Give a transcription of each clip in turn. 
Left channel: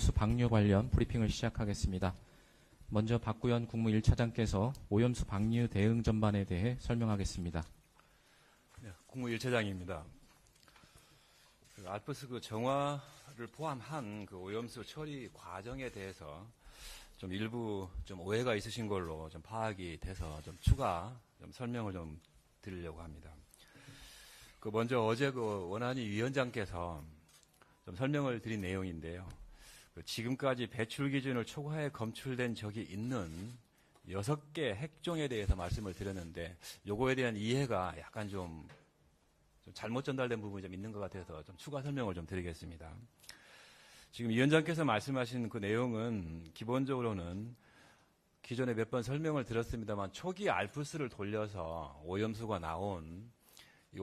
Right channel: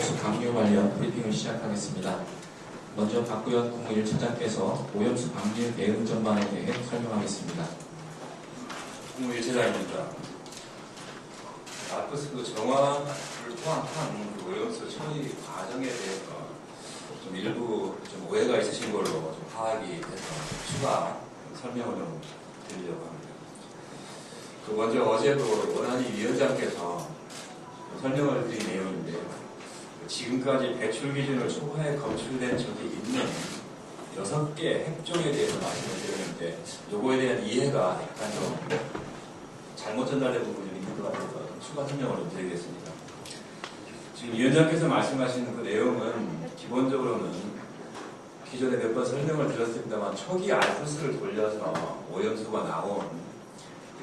오염수 방류 관련 브리핑을 시작하겠습니다. 먼저 박구현 국무 1차장께서 오염수 방류 대응 전망에 대해 설명하겠습니다. 국무 1차장입니다. 아토스 정화를 포함한 오염수 처리 과정에 대해서 좀 일부 좀 오해가 있으신 걸로 좀 파악이 돼서 추가 설명을 좀 드리려고 합니다. 먼저 어제 원안위 위원장께서 설명을 드린 내용인데요. 지금까지 배출 기준을 초과해 검출된 적이 있는 6개 핵종에 대해서 말씀을 드렸는데 요거에 대한 이해가 약간 좀 잘못 전달된 부분이 있는 것 같아서 추가 설명을 좀 드리겠습니다. 지금 위원장께서 말씀하신 그 내용은 기본적으로는 기존에 몇 번 설명을 드렸습니다만 초기 알프스를 돌려서 오염수가 나온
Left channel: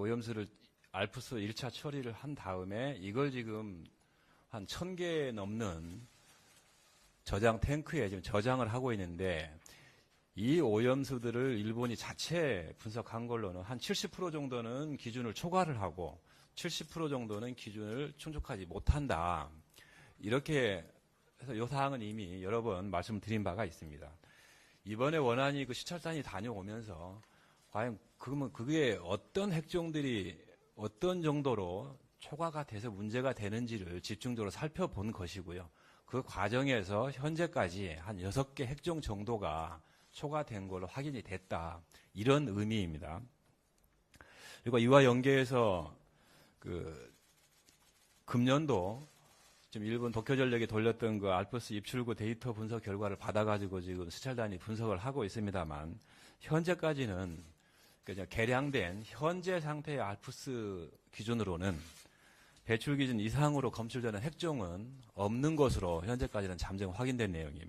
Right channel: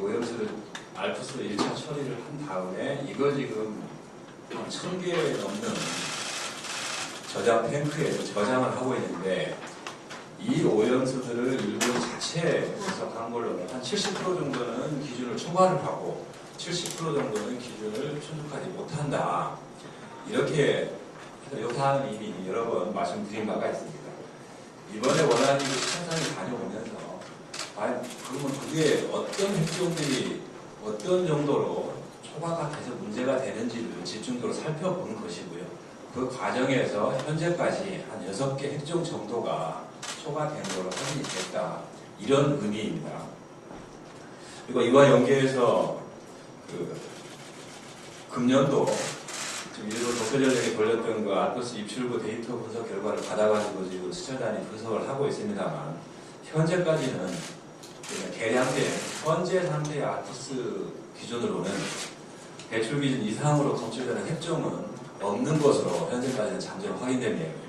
오염수를 알프스 1차 처리를 한 다음에 이걸 지금 1000개 넘는 저장 탱크에 저장을 하고 있는데 이 오염수들을 일본 자체에서 한 걸로는 한 70% 정도는 기준을 초과를 하고 70% 정도는 기준을 충족하지 못한다. 이렇게 이 사안이 이미 여러 번 말씀드린 바가 있습니다. 이번에 원안위 시찰단을 다녀오면서 과연 그게 어떤 핵종들이 어떤 정도로 초과가 돼서 문제가 되는지를 집중적으로 살펴보는 것이고요. 그 과정에서 현재까지 한 6개 핵종 정도가 초과된 걸로 확인이 됐다. 이런 의미입니다. 그리고 이와 연계해서 금년도 일부 도쿄전력이 돌렸던 그 아토스 입출구 데이터 분석 결과를 받아가지고 지금 수찰단이 분석을 하고 있습니다만 현재까지는 개량된 현재 상태의 아토스 기준으로는 배출 기준 이상으로 검출되는 핵종은 없는 것으로 현재까지는 잠재로 확인된 내용입니다.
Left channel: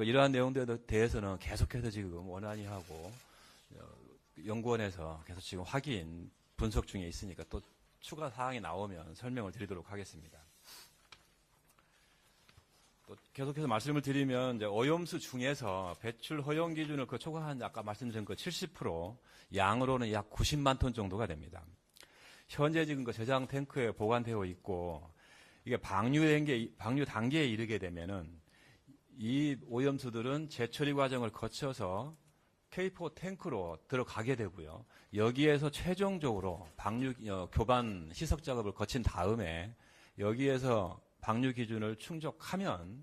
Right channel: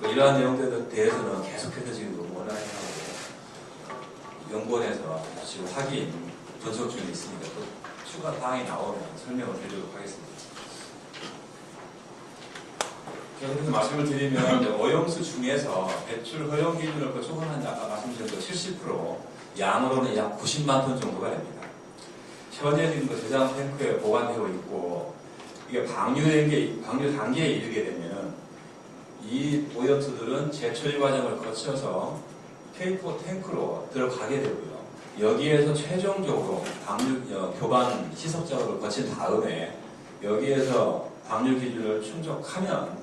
이러한 내용들에 대해서는 계속해서 지금 원안위하고 연구원에서 지금 확인, 분석 중에 있습니다. 또 추가 사항이 나오면 설명을 드리도록 하겠습니다. 여기서 말씀을 드리면 오염수 중에서 배출 허용 기준을 초과한다 아까 말씀드린 70% 양으로는 약 90만 톤 정도가 됩니다. 현재 지금 저장 탱크에 보관되고 있고 이게 방류 단계에 이르게 되면 이 오염수들은 재처리 과정을 거쳐서 K4 탱크로 들어가게 되고요. 여기에서 최종적으로 교반 희석 작업을 거친 다음에 여기에서 방류 기준을 충족하면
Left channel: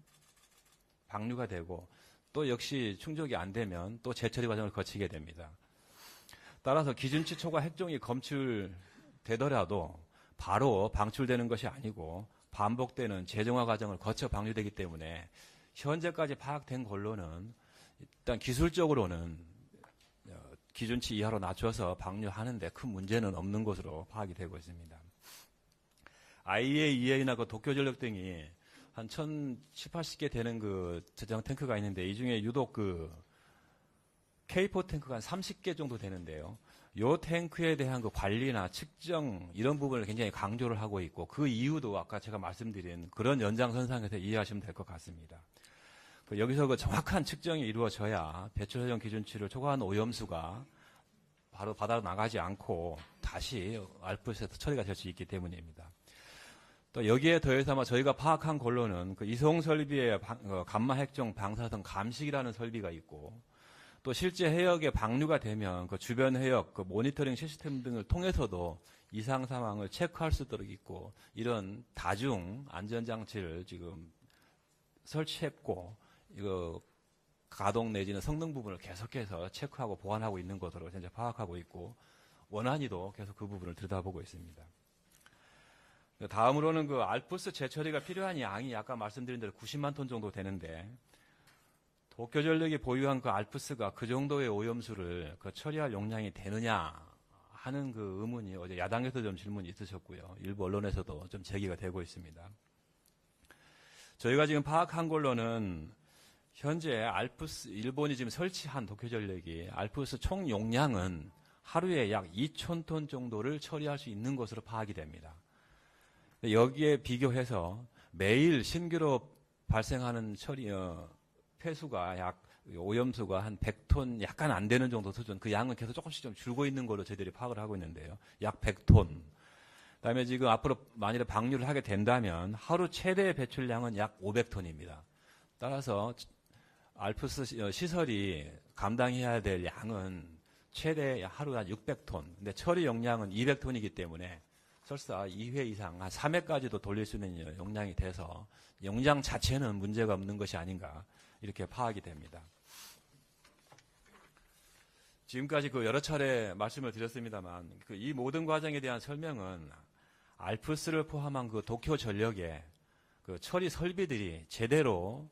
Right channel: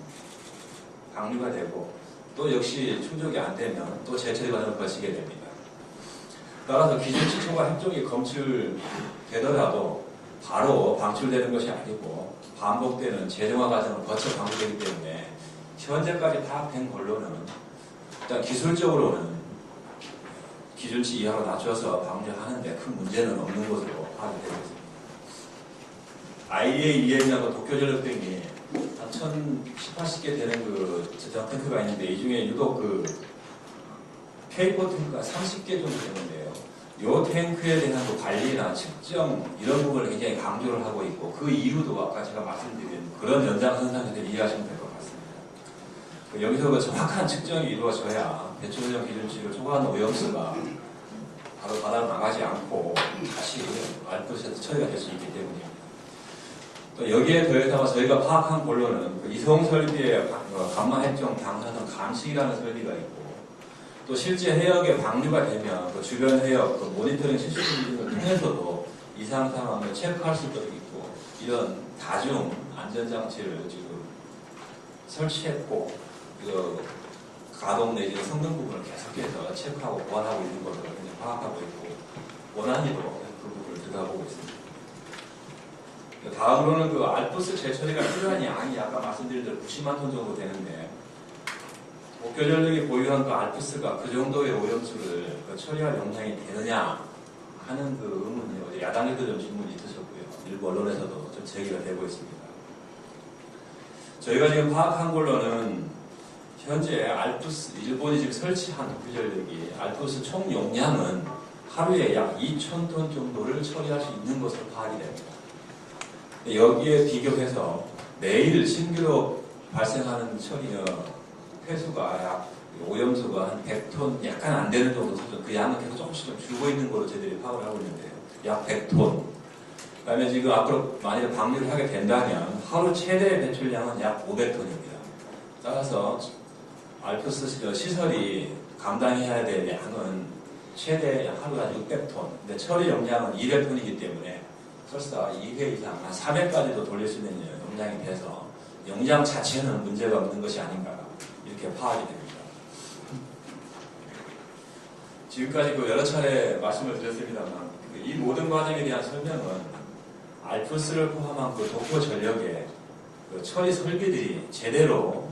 방류가 되고 또 역시 충족이 안 되면 또 재처리 과정을 거치게 됩니다. 따라서 기준치 초과 핵종이 검출되더라도 바로 방출되는 것이 아니고 반복되는 재정화 과정을 거쳐 방류되기 때문에 현재까지 파악된 걸로는 일단 기술적으로는 기준치 이하로 낮춰서 방류하는데 큰 문제는 없는 것으로 파악이 되고 있습니다. IEA, EM하고 도쿄전력 등이 한 1018개 되는 그 저장 탱크가 있는데 이 중에 유독 K4 탱크가 30개 정도 되는데요. 이 탱크에 대한 관리나 측정 이런 부분을 굉장히 강조를 하고 있고 그 이유도 아까 제가 말씀드린 그런 연장선상에서 이해하시면 될 것 같습니다. 여기서 정확한 측정이 이루어져야 배출용 기준치를 초과한 오염수가 바로 바다로 나가지 않고 다시 알프스에서 처리가 될 수 있기 때문입니다. 또 여기에 더해서 저희가 파악한 걸로는 이송 설비의 감마 핵종 방사선 감식이라는 설비가 있고 또 실제 해역에 방류가 되면 그 주변 해역 모니터링 시스템을 통해서도 이상 상황을 체크할 수도 있고 이런 다중 안전장치를 지금 설치했고 가동 내지 성능 부분을 계속해서 체크하고 보완하고 있는 것으로 파악하고 있고 원안위로 그 부분을 들여다보고 있습니다. 다음으로는 알프스 재처리가 필요한 양이 아까 말씀드린 대로 90만 톤 정도 되는데 도쿄전력이 보유한 알프스가 그 정도의 오염수를 처리할 용량이 되느냐 하는 의문이 어제 야당에도 좀 질문이 있으셨고요. 일부 언론에서도 좀 제기가 되고 있습니다. 저희가 지금 파악한 걸로는 현재 알프스 일본이 지금 설치한 도쿄전력이 알프스 총 용량은 하루에 약 2,000톤 정도를 처리할 수 있는 것으로 파악이 됩니다. 여기에 비교해서 매일 신규로 발생하는 폐수가 약 오염수가 한 100톤 약간 안 되는 정도 수준 그 양은 계속 조금씩 줄고 있는 걸로 저희들이 파악을 하고 있는데요. 약 100톤 그다음에 지금 앞으로 만약에 방류를 하게 된다면 하루 최대 배출량은 약 500톤입니다. 따라서 알프스 시설이 감당해야 될 양은 최대 하루에 한 600톤, 근데 처리 용량은 200톤이기 때문에 설사 2회 이상, 한 3회까지도 돌릴 수 있는 용량이 돼서 용량 자체는 문제가 없는 것이 아닌가 이렇게 파악이 됩니다. 지금까지 여러 차례 말씀을 드렸습니다만 이 모든 과정에 대한 설명은 알프스를 포함한 도쿄 전력의 처리 설비들이 제대로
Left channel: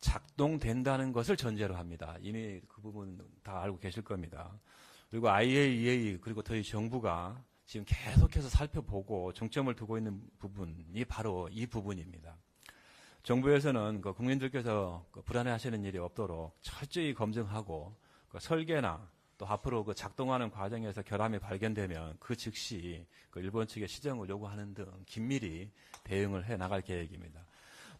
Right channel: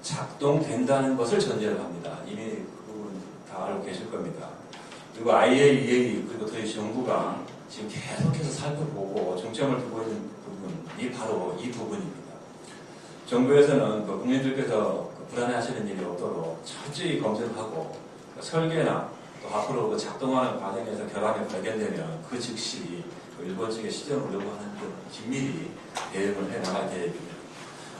작동된다는 것을 전제로 합니다. 이미 그 부분 다 알고 계실 겁니다. 그리고 IAEA 그리고 저희 정부가 지금 계속해서 살펴보고 중점을 두고 있는 부분이 바로 이 부분입니다. 정부에서는 국민들께서 불안해하시는 일이 없도록 철저히 검증하고 설계나 또 앞으로 작동하는 과정에서 결함이 발견되면 그 즉시 일본 측의 시정을 요구하는 등 긴밀히 대응을 해나갈 계획입니다.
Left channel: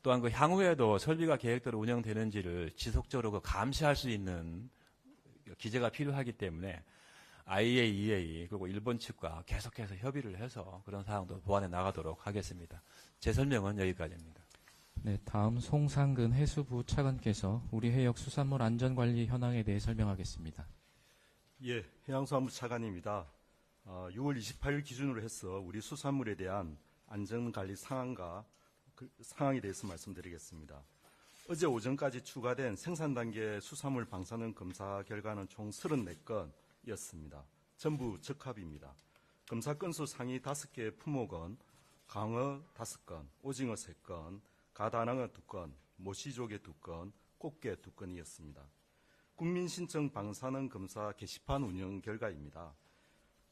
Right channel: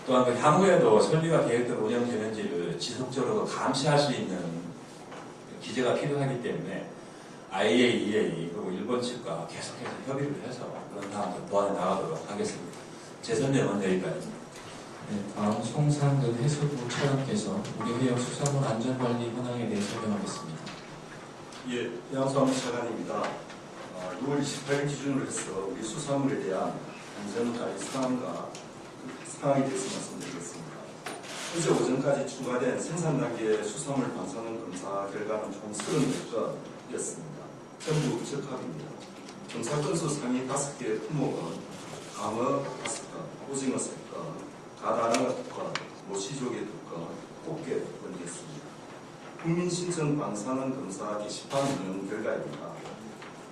또한 향후에도 설비와 계획대로 운영되는지를 지속적으로 감시할 수 있는 기재가 필요하기 때문에 IAEA 그리고 일본 측과 계속해서 협의를 해서 그런 사항을 보완해 나가도록 하겠습니다. 제 설명은 여기까지입니다. 네, 다음 송상근 해수부 차관께서 우리 해역 수산물 안전관리 현황에 대해 설명하겠습니다. 예, 해양수산물 차관입니다. 6월 28일 기준으로 해서 우리 수산물에 대한 안전관리 상황에 대해서 말씀드리겠습니다. 어제 오전까지 추가된 생산 단계 수산물 방사능 검사 결과는 총 34건이었습니다. 전부 적합입니다. 검사 건수 상위 5개의 품목은 광어 5건, 오징어 3건, 가라는 2건, 모시조개 2건, 꽃게 2건이었습니다. 국민신청 방사능 검사 게시판 운영 결과입니다.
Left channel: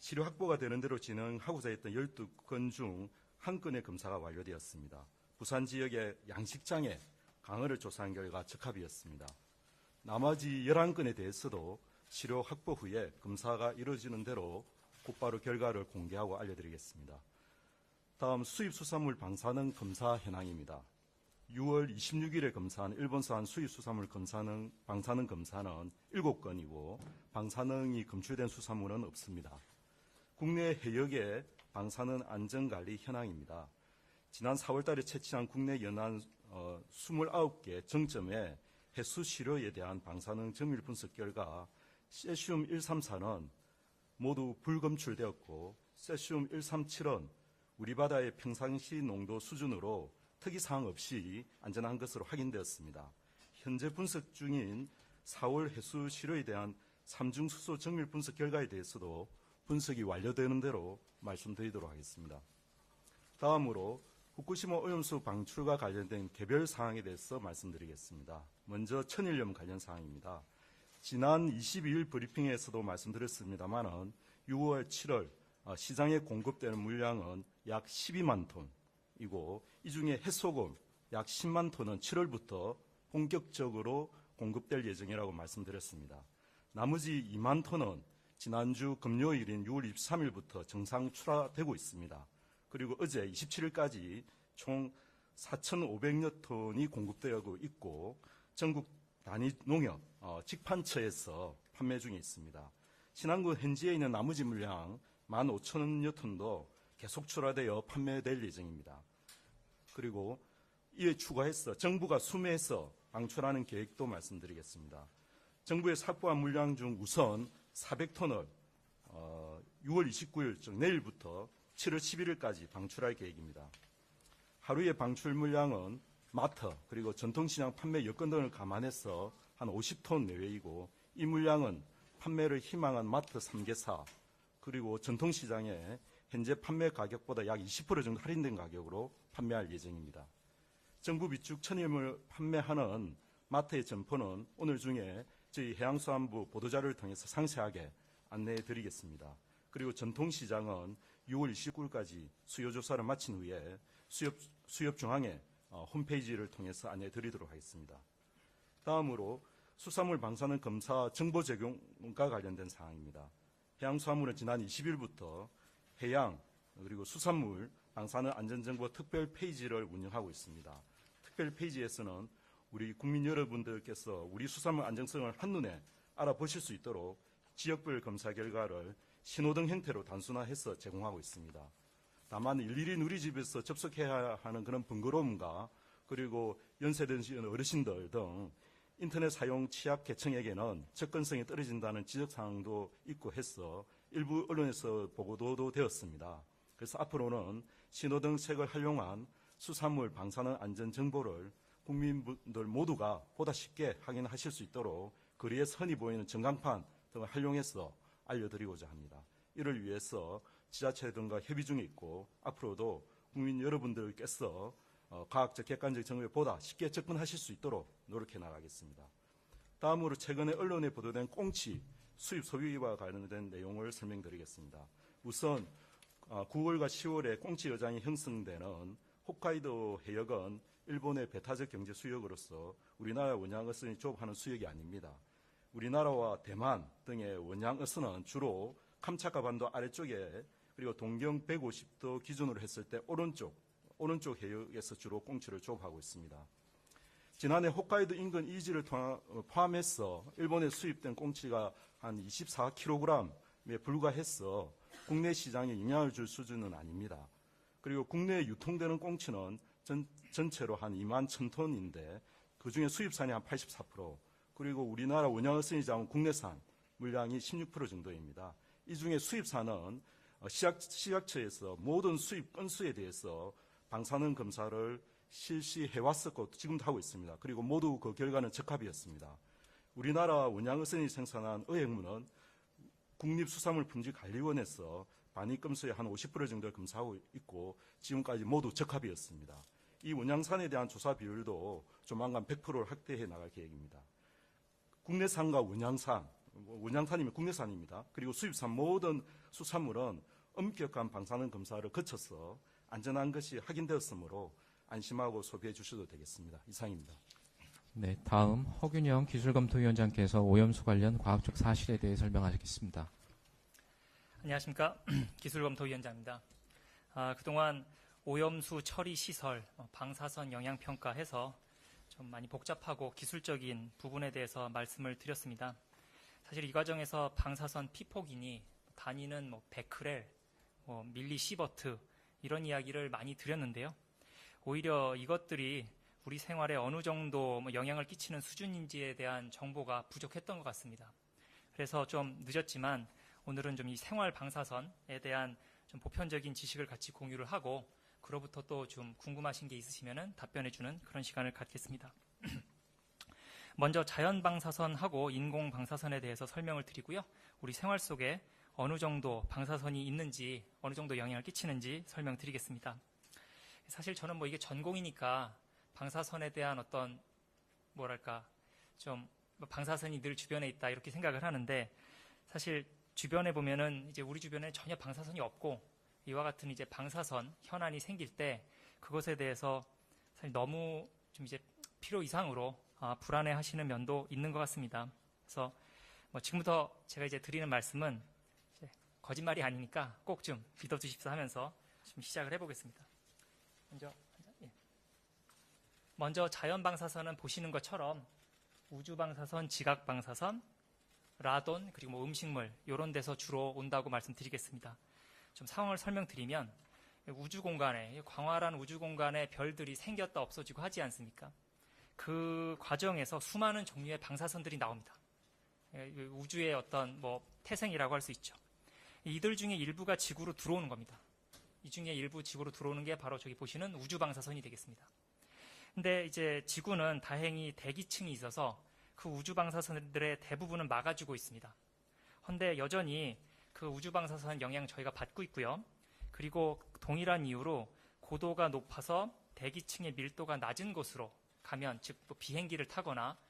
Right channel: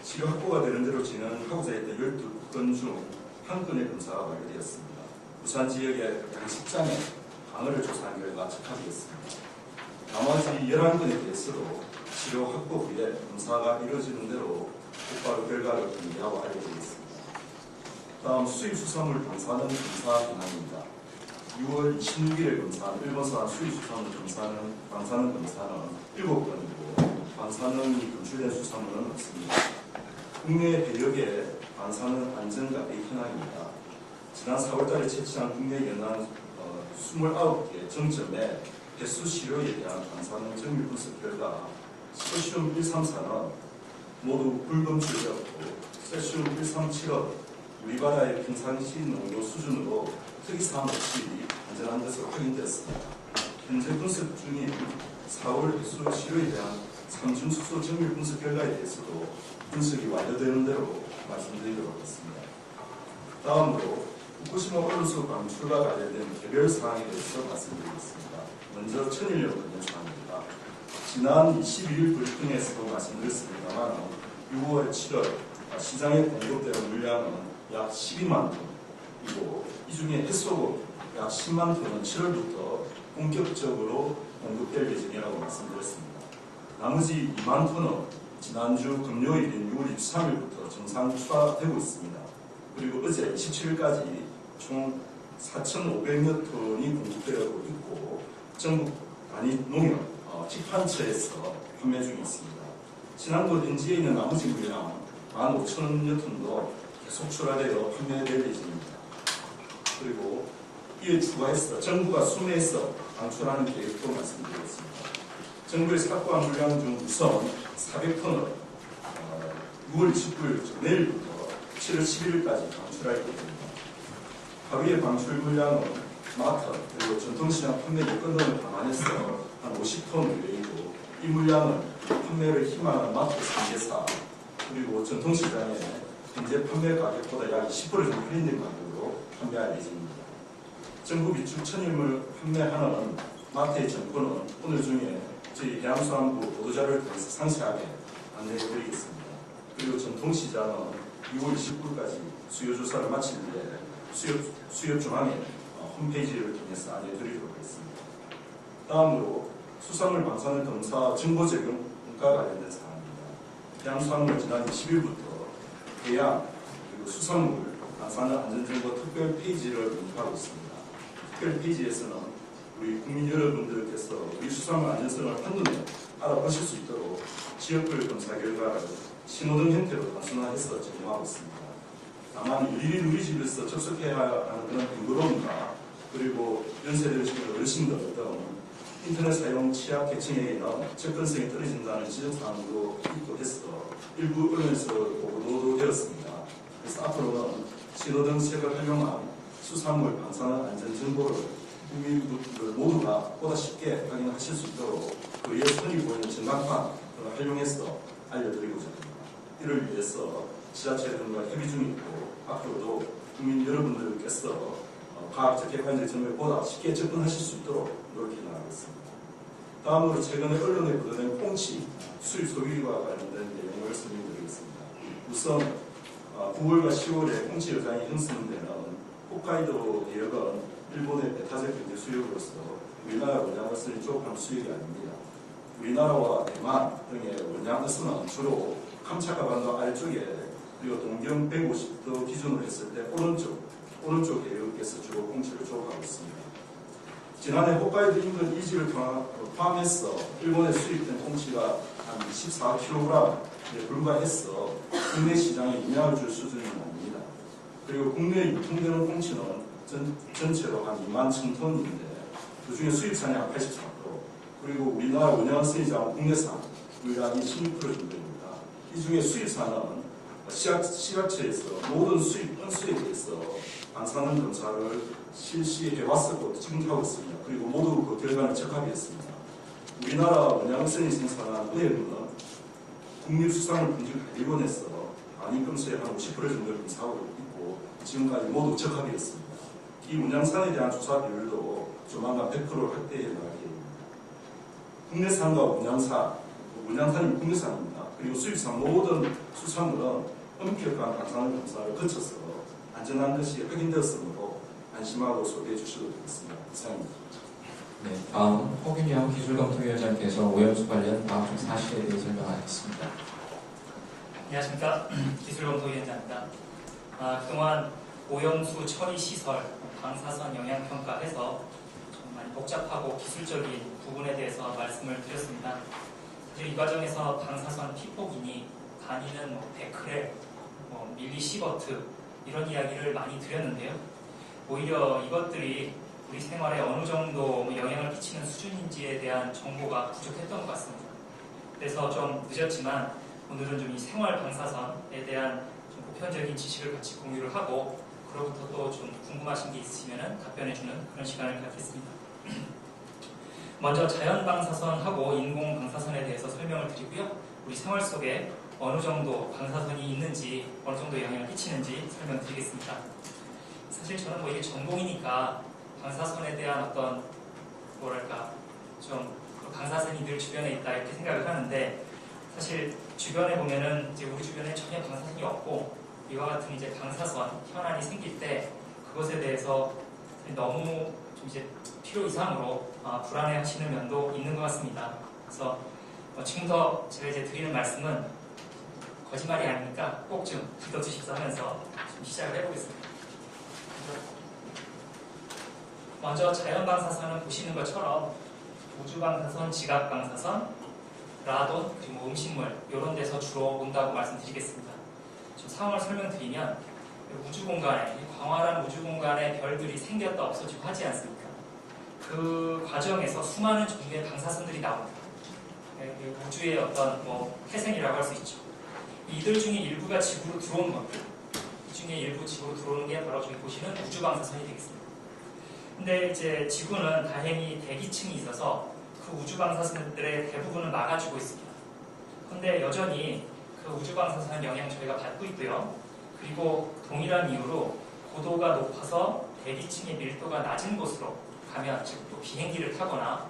치료 확보가 되는 대로 진행하고자 했던 12건 중 1건의 검사가 완료되었습니다. 부산 지역의 양식장에 광어를 조사한 결과 적합이었습니다. 나머지 11건에 대해서도 치료 확보 후에 검사가 이루어지는 대로 곧바로 결과를 공개하고 알려드리겠습니다. 다음 수입수산물 방사능 검사 현황입니다. 6월 26일에 검사한 일본산 수입수산물 방사능 검사는 7건이고 방사능이 검출된 수산물은 없습니다. 국내 해역의 방사능 안전관리 현황입니다. 지난 4월달에 채취한 국내 연안 29개 정점의 해수 시료에 대한 방사능 정밀 분석 결과 세슘 134는 모두 불검출되었고 세슘 137은 우리 바다의 평상시 농도 수준으로 특이사항 없이 안전한 것으로 확인되었습니다. 현재 분석 중인 4월 해수 시료에 대한 3중 수소 정밀 분석 결과에 대해서도 분석이 완료되는 대로 말씀드리도록 하겠습니다. 다음으로 후쿠시마 오염수 방출과 관련된 개별 사항에 대해서 말씀드리겠습니다. 먼저 천일염 관련 사항입니다. 지난 21일 브리핑에서도 말씀드렸습니다만 6월 7월 시장에 공급되는 물량은 약 12만 톤, 그리고 이 중에 해소금 약 10만 톤은 7월부터 본격적으로 공급될 예정이라고 말씀드렸습니다. 나머지 2만 톤은 지난주 금요일인 6월 23일부터 정상 추가되고 있습니다. 그리고 어제 27일까지 총 4,500여 톤이 공급되고 있고 전국 단위 농협 직판처에서 판매 중에 있습니다. 지난도 현지에 있는 나머지 물량 15,000여 톤도 계속 출하되어 판매될 예정입니다. 그리고 이에 추가해서 정부가 수매해서 방출하는 계획도 말씀드리겠습니다. 정부에서 확보한 물량 중 우선 400톤을 6월 29일 내일부터 7월 11일까지 방출할 예정입니다. 하루의 방출 물량은 마트 그리고 전통시장 판매 여건 등을 감안해서 한 50톤 외이고 이 물량은 판매를 희망하는 마트 3개사 그리고 전통시장에 현재 판매 가격보다 약 20% 정도 할인된 가격으로 판매할 예정입니다. 정부 비축 천일물 판매하는 마트의 정보는 오늘 중에 저희 해양수산부 보도자료를 통해서 상세하게 안내해드리겠습니다. 그리고 전통시장은 6월 29일까지 수요조사를 마친 뒤에 수요중앙회 홈페이지를 통해서 안내해드리도록 하겠습니다. 다음으로 수산물 방사능 검사 정보 제공과 관련된 사항입니다. 해양수산물 지난 20일부터 해양 그리고 수산물 방사능 안전정보 특별 페이지를 운영하고 있습니다. 특별 페이지에서는 우리 국민 여러분들께서 우리 수산물 안전성을 한눈에 알아보실 수 있도록 지역별 검사 결과를 신호등 형태로 단순화해서 제공하고 있습니다. 다만 일일이 우리 집에서 접속해야 하는 그런 번거로움과 그리고 연세 드시는 어르신들 등 인터넷 사용 취약 계층에는 접근성이 떨어진다는 지적사항도 있고 해서 일부 언론에서 보도도 되었습니다. 그래서 앞으로는 신호등 색을 활용한 수산물 방사능 안전 정보를 국민들 모두가 보다 쉽게 확인하실 수 있도록 거리에 선이 보이는 전광판 등을 활용해서 알려드리고자 합니다. 이를 위해서 지자체 등과 협의 중이고 앞으로도 국민 여러분들께서 과학적 객관적 정보에 보다 쉽게 접근하실 수 있도록 노력해 나가겠습니다. 다음으로 최근에 언론에 보도된 꽁치 수입 소비와 관련된 내용을 설명드리겠습니다. 우선 9월과 10월에 꽁치 여장이 형성되는 홋카이도 대역은 일본의 배타적 경제 수역으로서 우리나라 원양어선이 조급한 수역이 아닙니다. 우리나라와 대만 등의 원양어선은 주로 캄차카 반도 아래쪽에 그리고 동경 150도 기준으로 했을 때 오른쪽 대역에서 주로 꽁치를 조업하고 있습니다. 지난해 홋카이도 인근 이지를 포함해서 일본에 수입된 꽁치가 한 24kg에 불과해서 국내 시장에 영향을 줄 수준은 아닙니다. 그리고 국내에 유통되는 꽁치는 전체로 한 2만 1,000톤인데 그중에 수입산이 한 84%, 그리고 우리나라 원양어선이 잡은 국내산 물량이 16% 정도입니다. 이 중에 수입산은 시각처에서 모든 수입 건수에 대해서 방사능 검사를 실시해왔었고 지금도 하고 있습니다. 그리고 모두 그 결과는 적합했습니다. 우리나라 원양어선이 생산한 의액은 국립수산물품질관리원에서 단위 건수의 한 50% 정도를 검사하고 있고 지금까지 모두 적합이었습니다. 이 문양산에 대한 조사 비율도 조만간 100%를 확대해 나가게 됩니다. 국내산과 문양산이 국내산입니다. 그리고 수입산 모든 수산물은 엄격한 방사능 검사를 거쳐서 안전한 것이 확인되었으므로 안심하고 소개해 주셔도 되겠습니다. 이상입니다. 네, 다음 허균영 기술검토위원장께서 오염수 관련 과학적 사실에 대해 설명하겠습니다. 안녕하십니까. 기술검토위원장입니다. 그동안 오염수 처리 시설, 방사선 영향평가해서 좀 많이 복잡하고 기술적인 부분에 대해서 말씀을 드렸습니다. 사실 이 과정에서 방사선 피폭이니 단위는 베크렐, 밀리시버트 이런 이야기를 많이 드렸는데요. 오히려 이것들이 우리 생활에 어느 정도 영향을 끼치는 수준인지에 대한 정보가 부족했던 것 같습니다. 그래서 좀 늦었지만 오늘은 좀 이 생활 방사선에 대한 좀 보편적인 지식을 같이 공유를 하고 그로부터 또 좀 궁금하신 게 있으시면 답변해주는 그런 시간을 갖겠습니다. 먼저 자연 방사선하고 인공 방사선에 대해서 설명을 드리고요. 우리 생활 속에 어느 정도 방사선이 있는지 어느 정도 영향을 끼치는지 설명드리겠습니다. 사실 저는 이게 전공이니까 방사선에 대한 어떤 좀 방사선이 늘 주변에 있다 이렇게 생각을 하는데 사실 주변에 보면은 이제 우리 주변에 전혀 방사선이 없고 이와 같은 이제 방사선 현안이 생길 때 그것에 대해서 너무 좀 이제 필요 이상으로 불안해하시는 면도 있는 것 같습니다. 그래서 지금부터 제가 이제 드리는 말씀은 거짓말이 아니니까 꼭 좀 들어주십사 하면서 좀 시작을 해보겠습니다. 먼저 자연방사선은 보시는 것처럼 우주방사선, 지각방사선, 라돈, 그리고 음식물 이런 데서 주로 온다고 말씀드리겠습니다. 좀 상황을 설명드리면 우주공간에, 광활한 우주공간에 별들이 생겼다 없어지고 하지 않습니까? 그 과정에서 수많은 종류의 방사선들이 나옵니다. 우주의 어떤 태생이라고 할 수 있죠. 이들 중에 일부가 지구로 들어온 겁니다. 이 중에 일부 지구로 들어오는 게 바로 저기 보시는 우주방사선이 되겠습니다. 근데 이제 지구는 다행히 대기층이 있어서 그 우주방사선들의 대부분을 막아주고 있습니다. 그런데 여전히 그 우주방사선 영향 저희가 받고 있고요. 그리고 동일한 이유로 고도가 높아서 대기층의 밀도가 낮은 곳으로 가면, 즉 비행기를 타거나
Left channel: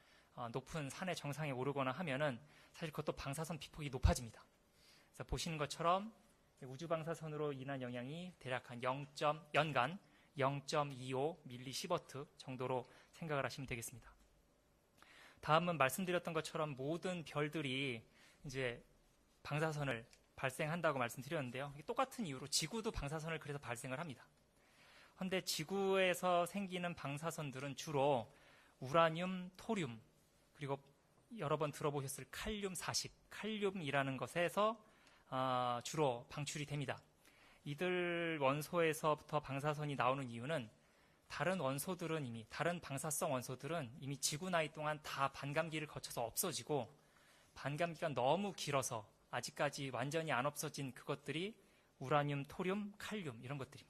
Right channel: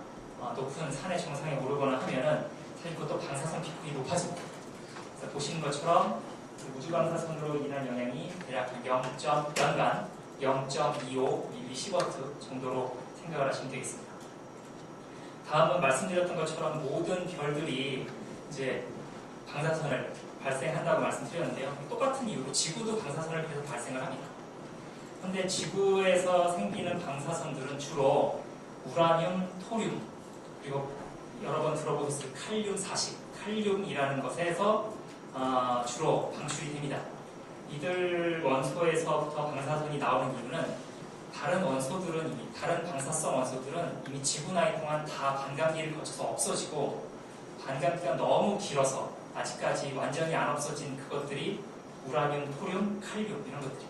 높은 산의 정상에 오르거나 하면은 사실 그것도 방사선 피폭이 높아집니다. 그래서 보시는 것처럼 그 우주방사선으로 인한 영향이 대략 연간 0.25 밀리시버트 정도로 생각을 하시면 되겠습니다. 다음은 말씀드렸던 것처럼 모든 별들이 이제 방사선을 발생한다고 말씀드렸는데요. 똑같은 이유로 지구도 방사선을 계속 발생을 합니다. 그런데 지구에서 생기는 방사선들은 주로 우라늄, 토륨, 그리고 여러 번 들어보셨을 칼륨 40, 칼륨이라는 것에서 주로 방출이 됩니다. 이들 원소에서부터 방사선이 나오는 이유는 다른 원소들은 이미 다른 방사성 원소들은 이미 지구 나이 동안 다 반감기를 거쳐서 없어지고 반감기가 너무 길어서 아직까지 완전히 안 없어진 그것들이 우라늄, 토륨, 칼륨 이런 것들이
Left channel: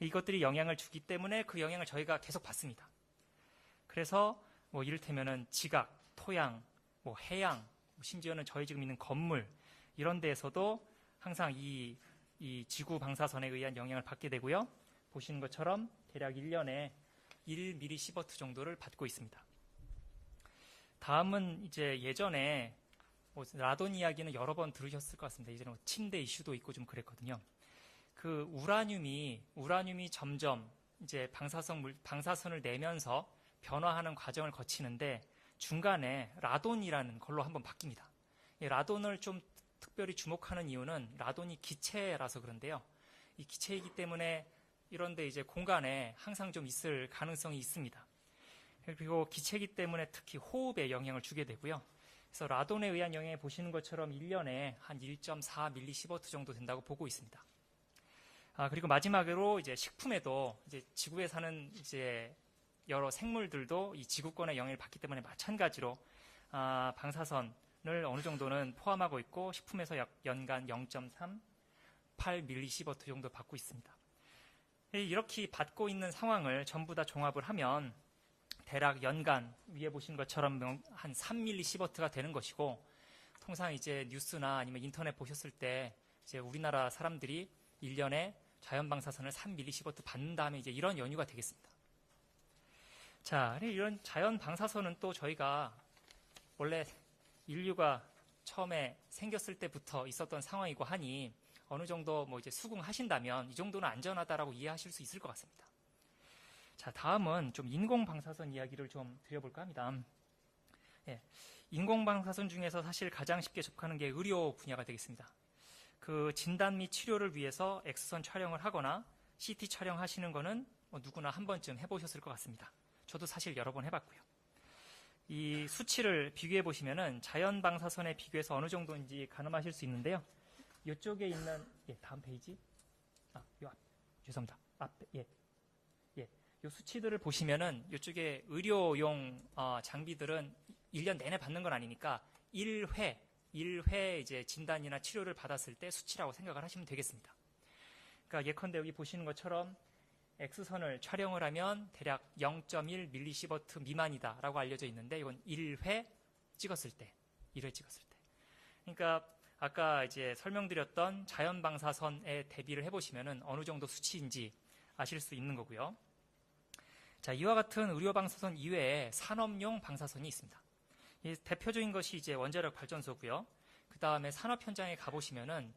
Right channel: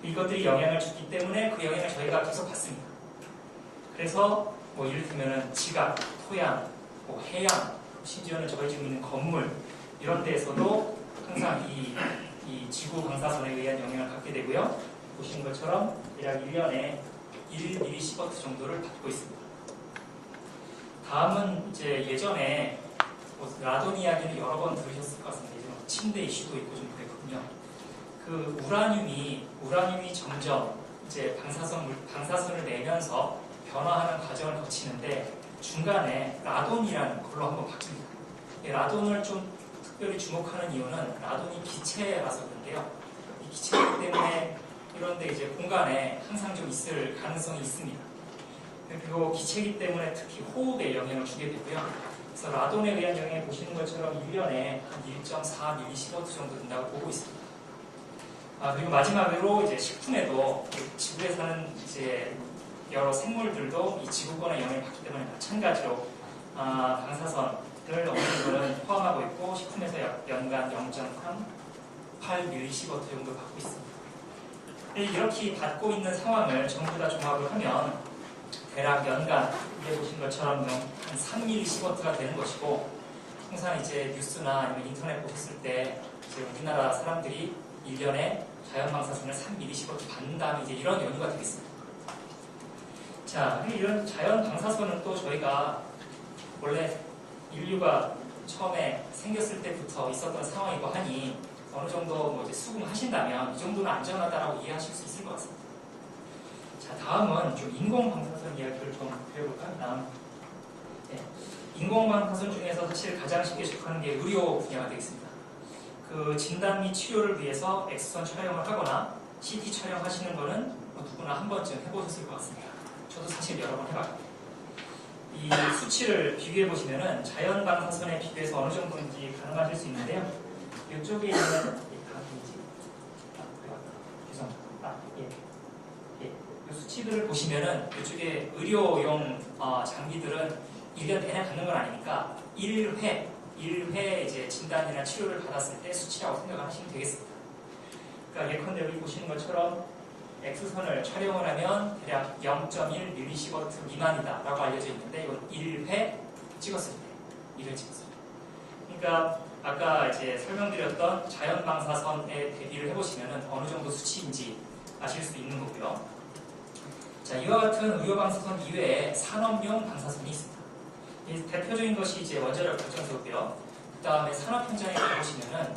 이것들이 영향을 주기 때문에 그 영향을 저희가 계속 받습니다. 그래서 뭐 이를테면은 지각, 토양, 뭐 해양, 심지어는 저희 지금 있는 건물 이런 데에서도 항상 이 지구 방사선에 의한 영향을 받게 되고요. 보시는 것처럼 약 1년에 1mSv 정도를 받고 있습니다. 다음은 이제 예전에 라돈 이야기는 여러 번 들으셨을 것 같습니다. 예전 침대 이슈도 있고 좀 그랬거든요. 그 우라늄이 점점 이제 방사선을 내면서 변화하는 과정을 거치는데 중간에 라돈이라는 걸로 한번 바뀝니다. 이 라돈을 좀 특별히 주목하는 이유는 라돈이 기체라서 그런데요. 이 기체이기 때문에 이런데 이제 공간에 항상 좀 있을 가능성이 있습니다. 그리고 기체이기 때문에 특히 호흡에 영향을 주게 되고요. 그래서 라돈에 의한 영향을 보시는 것처럼 1년에 한 1.4mSv 정도 된다고 보고 있습니다. 그리고 마지막으로 이제 식품에도 지구에 사는 이제 여러 생물들도 이 지구본의 영향을 받기 때문에 마찬가지로 방사선을 어느 정도는 포함하고 있고 식품에서 연간 0.38mSv 정도 받고 있습니다. 이렇게 받고 있는 상황을 전부 다 종합을 하면 대략 연간 위에 보신 것처럼 한 3mSv가 되는 것이고 항상 이제 뉴스나 아니면 인터넷 보셨을 때 이제 우리나라 사람들이 1년에 자연방사선을 3mSv 받는다면 이제 이런 연유가 되겠습니다. 자, 이런 자연방사선은 또 저희가 원래 인류가 처음에 생겼을 때부터 있었던 상황이고 하니 어느 정도 뭐 이제 수긍하신다면 이 정도는 안전하다라고 이해하실 수 있을 것 같습니다. 자, 다음은 좀 인공방사선 이야기를 좀 해볼까 합니다. 네. 인공방사선 중에서 사실 가장 쉽게 접하는 게 의료 분야가 되겠습니다. 그 진단 및 치료를 위해서 엑스선 촬영을 하거나 CT 촬영하시는 거는 누구나 한 번쯤 해보셨을 것 같습니다. 저도 사실 여러 번 해봤거든요. 이 수치를 비교해 보시면은 자연 방사선에 비교해서 어느 정도인지 가늠하실 수 있는데요. 이쪽에 있는 이 수치들을 보시면은 이쪽에 의료용 장비들은 1년 내내 받는 건 아니니까 1회 이제 진단이나 치료를 받았을 때 수치라고 생각하시면 되겠습니다. 그러니까 예컨대 여기 보시는 것처럼 X선을 촬영을 하면 대략 0.1mSv 미만이다 라고 알려져 있는데 이건 1회 찍었을 때 1회 찍었을 때 그러니까 아까 이제 설명드렸던 자연방사선에 대비를 해보시면 어느 정도 수치인지 아실 수 있는 거고요. 자, 이와 같은 의료방사선 이외에 산업용 방사선이 있습니다. 이 대표적인 것이 이제 원자력 발전소고요. 그 다음에 산업 현장에 가보시면은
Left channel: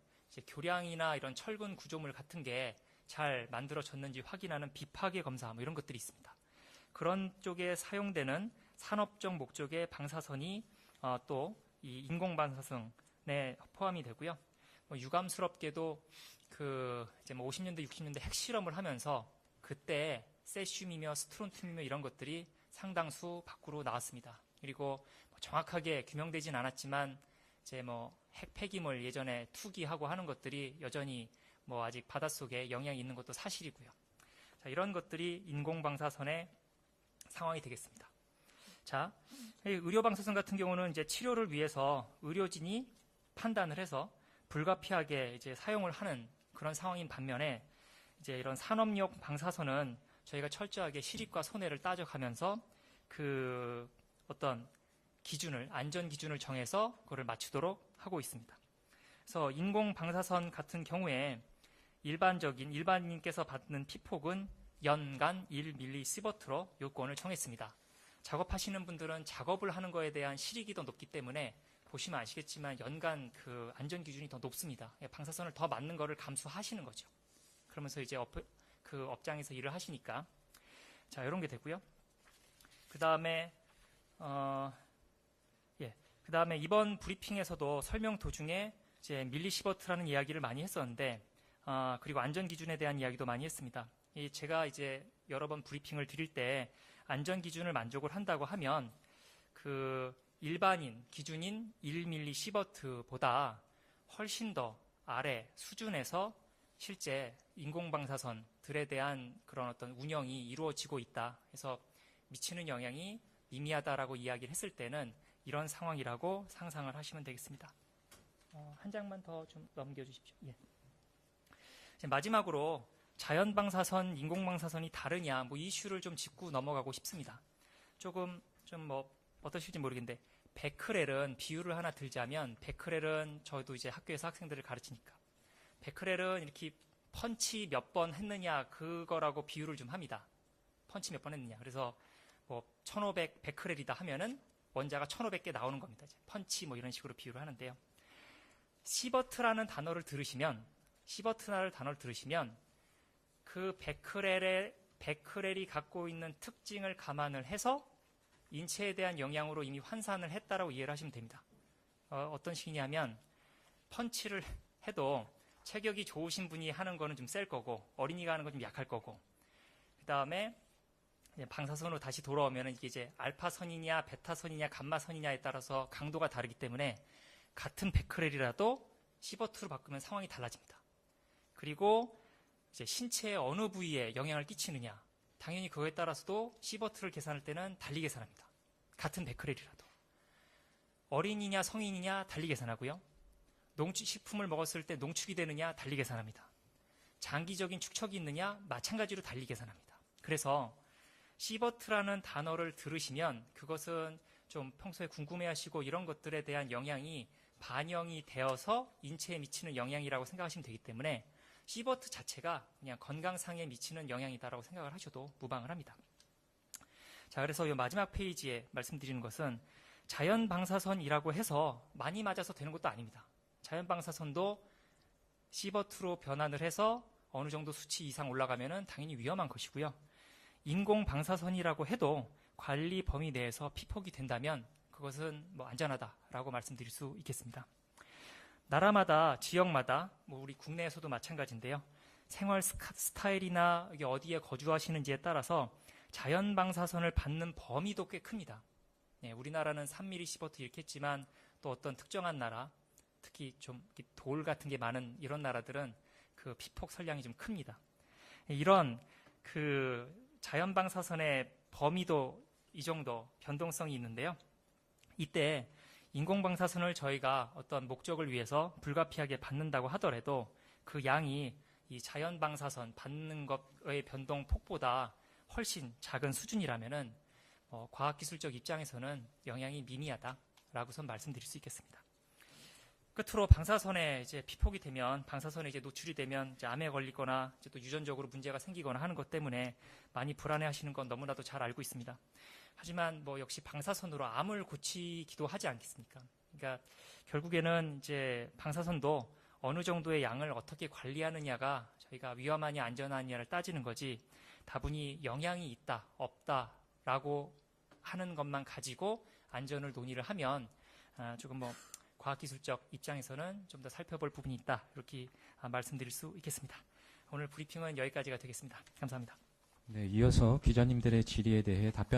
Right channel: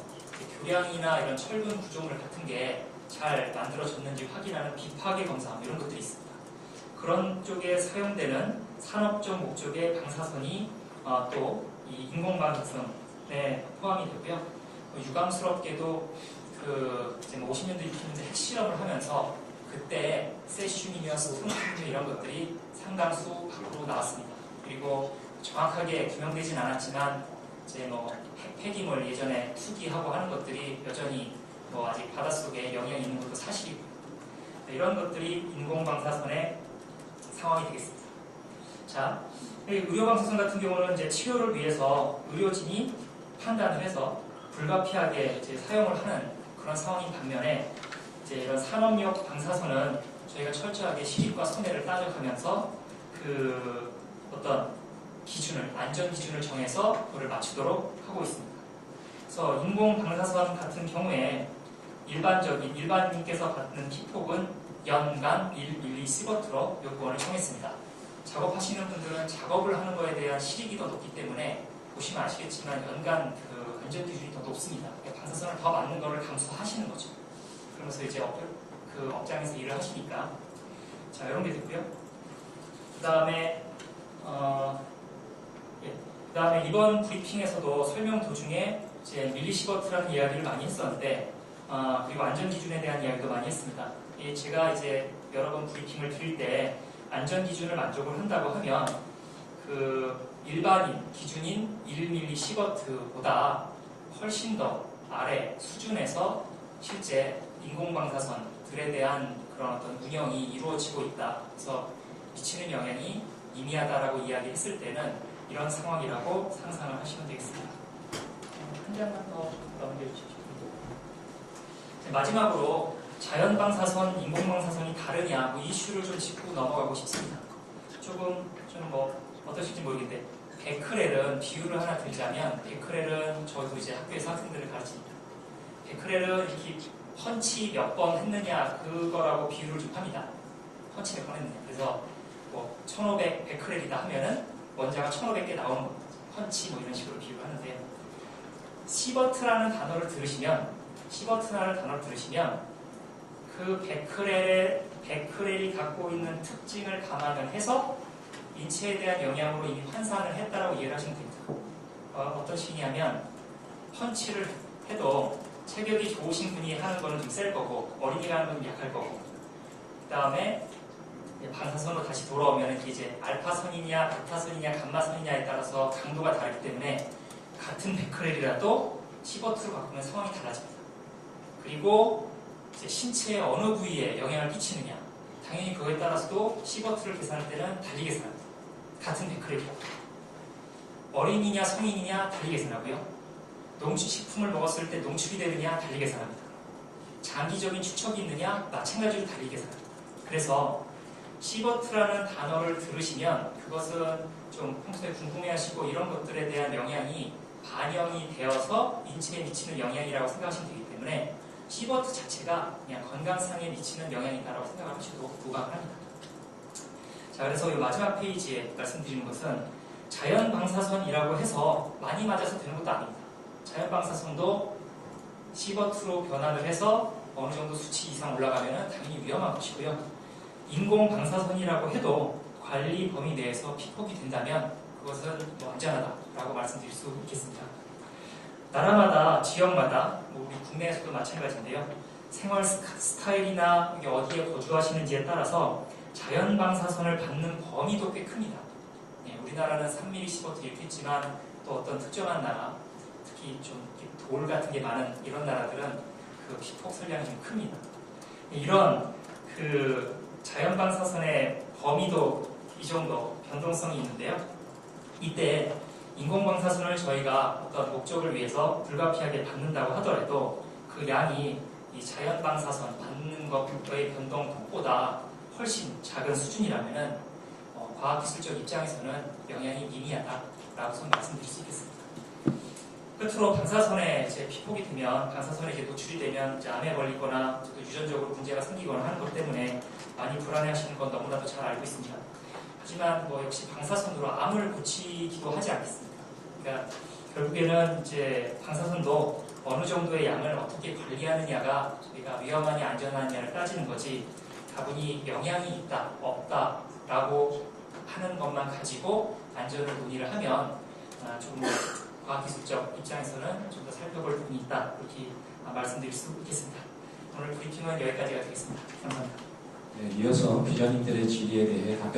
교량이나 이런 철분 구조물 같은 게 잘 만들어졌는지 확인하는 비파괴 검사 이런 것들이 있습니다. 그런 쪽에 사용되는 산업적 목적의 방사선이 또 이 인공방사선에 포함이 되고요. 유감스럽게도 그 이제 50년대 60년대 핵실험을 하면서 그때 세슘이며 스톤 이런 것들이 상당수 밖으로 나왔습니다. 그리고 정확하게 규명되진 않았지만 이제 뭐 핵폐기물 예전에 투기하고 하는 것들이 여전히 뭐 아직 바닷속에 영향이 있는 것도 사실이고요. 이런 것들이 인공방사선의 상황이 되겠습니다. 자, 의료방사선 같은 경우는 이제 치료를 위해서 의료진이 판단을 해서 불가피하게 이제 사용을 하는 그런 상황인 반면에 이제 이런 산업용 방사선은 저희가 철저하게 시립과 선례를 따져가면서 그 어떤 기준을 안전 기준을 정해서 그걸 맞추도록 하고 있습니다. 그래서 인공방사선 같은 경우에 일반인께서 받는 피폭은 연간 1mSv로 요구원을 정했습니다. 작업하시는 분들은 작업을 하는 것에 대한 실익이 더 높기 때문에 보시면 아시겠지만 연간 그 안전 기준이 더 높습니다. 방사선을 더 맞는 것을 감수하시는 거죠. 그러면서 이제 그 업장에서 일을 하시니까 자 이런 게 되고요. 그다음에 이번 브리핑에서도 설명 도중에 이제 밀리시버트라는 이야기를 많이 했었는데 그리고 안전 기준에 대한 이야기도 많이 했습니다. 제가 이제 여러 번 브리핑을 드릴 때 안전 기준을 만족을 한다고 하면 그 일반인 기준인 1mSv보다 훨씬 더 아래 수준에서 실제 인공방사선들에 대한 그런 어떤 운영이 이루어지고 있다. 그래서 미치는 영향이 미미하다라고 이야기했을 때는 이런 상황이라고 상상을 하시면 되겠습니다. 한 장만 더 넘겨주십시오. 마지막으로 자연방사선, 인공방사선이 다르냐 이 이슈를 좀 짚고 넘어가고 싶습니다. 조금 어떠실지 모르겠는데 베크렐은 비유를 하나 들자면 베크렐은 저도 이제 학교에서 학생들을 가르칩니다. 베크렐은 이렇게 펀치 몇 번 했느냐 그거라고 비유를 좀 합니다. 펀치 몇 번 했느냐. 그래서 1500 베크렐이다 하면은 원자가 1500개 나오는 겁니다. 펀치 이런 식으로 비유를 하는데 시버트라는 단어를 들으시면 그 베크렐이 갖고 있는 특징을 감안을 해서 인체에 대한 영향으로 이미 환산을 했다라고 이해를 하시면 됩니다. 어떤 식이냐면 펀치를 해도 체격이 좋으신 분이 하는 거는 좀 셀 거고 어린이가 하는 건 좀 약할 거고 그 다음에 방사선으로 다시 돌아오면 이제 알파선이냐 베타선이냐 감마선이냐에 따라서 강도가 다르기 때문에 같은 베크렐이라도 시버트로 바꾸면 상황이 달라집니다. 그리고 이제 신체의 어느 부위에 영향을 끼치느냐 당연히 그거에 따라서도 시버트를 계산할 때는 달리 계산합니다. 같은 베크렐이고 어린이냐 성인이냐 달리 계산하고요. 농축식품을 먹었을 때 농축이 되느냐 달리 계산합니다. 장기적인 축척이 있느냐 마찬가지로 달리 계산합니다. 그래서 시버트라는 단어를 들으시면 그것은 좀 평소에 궁금해하시고 이런 것들에 대한 영향이 반영이 되어서 인체에 미치는 영향이라고 생각하시면 되기 때문에 시버트 자체가 그냥 건강상에 미치는 영향이다라고 생각하셔도 무방합니다. 자, 그래서 이 마지막 페이지에 말씀드리는 것은 자연방사선이라고 해서 많이 맞아서 되는 것도 아닙니다. 자연방사선도 시버트로 변환을 해서 어느 정도 수치 이상 올라가면 당연히 위험한 것이고요. 인공방사선이라고 해도 관리 범위 내에서 피폭이 된다면 그것은 안전하다라고 말씀드릴 수 있겠습니다. 나라마다, 지역마다, 우리 국내에서도 마찬가지인데요. 생활 스타일이나 어디에 거주하시는지에 따라서 자연방사선을 받는 범위도 꽤 큽니다. 네, 우리나라는 3mm 시버트 이렇게 있지만 또 어떤 특정한 나라, 특히 좀 돌 같은 게 많은 이런 나라들은 그 피폭 선량이 좀 큽니다. 이런 자연방사선의 범위도 이 정도 변동성이 있는데요. 이때 인공방사선을 저희가 어떤 목적을 위해서 불가피하게 받는다고 하더라도 그 양이 이 자연방사선 받는 것의 변동 폭보다 훨씬 작은 수준이라면 과학기술적 입장에서는 영향이 미미하다라고 말씀드릴 수 있겠습니다. 끝으로 방사선에 이제 피폭이 되면 방사선에 이제 노출이 되면 이제 암에 걸리거나 유전적으로 문제가 생기거나 하는 것 때문에 많이 불안해하시는 건 너무나도 잘 알고 있습니다. 하지만 역시 방사선으로 암을 고치기도 하지 않겠습니까? 그러니까 결국에는 이제 방사선도 어느 정도의 양을 어떻게 관리하느냐가 저희가 위험하냐 안전하냐를 따지는 거지 다분히 영향이 있다 없다라고 하는 것만 가지고 안전을 논의를 하면 좀 과학기술적 입장에서는 좀 더 살펴볼 부분이 있다 이렇게 말씀드릴 수 있겠습니다. 오늘 브리핑은 여기까지가 되겠습니다. 감사합니다. 네, 이어서 기자님들의 질의에 대해 답변하는